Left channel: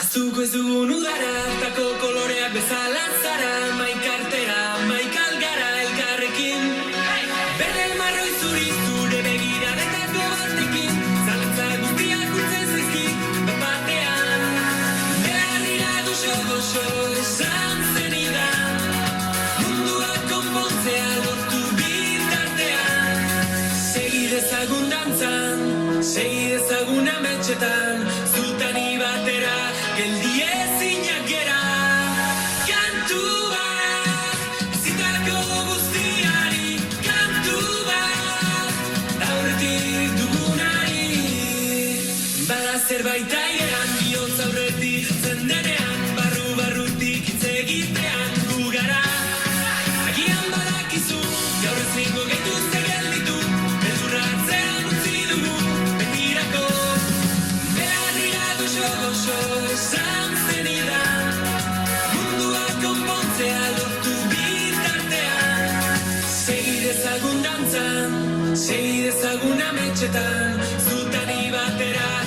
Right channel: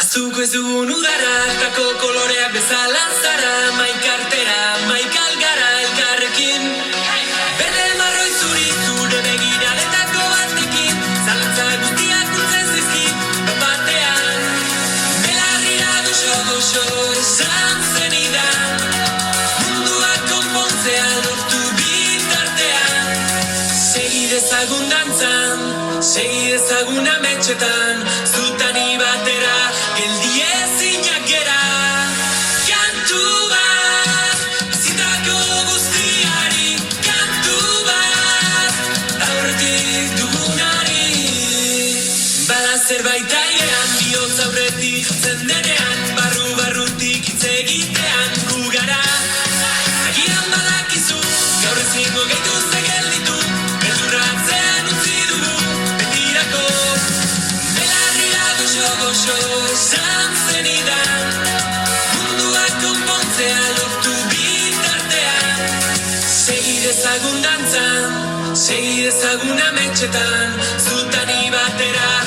Azuko ez dugun udara, tako koloreak bezala zara, maikartera, maikalgara elkarrekin. Berde marroi zuri zure begiraretako batekin, zalantza guztiak urtzen zaizkit, batean. Belarrira goxo esan zenidan, munduak konpontzea lortu bitartean. Segi dezagun dantzan, segi dezagun ametxetan, zutani batera, geldi ezinak gera. Kantu bat, bizitako guztiari, kantu bat, aurretik dugunari. Bada zerbait airean, bihotz aurretik jatzen denean, barrutik hitz egitean gu gara. Agian badakizu, gaur ezingo gaituzte gelditu, beldurratzean utzi dugu betirako. Belarrira goxo esan zenidan, munduak konpontzea lortu bitartean. Segi dezagun dantzan, segi dezagun ametxetan, zutani batera.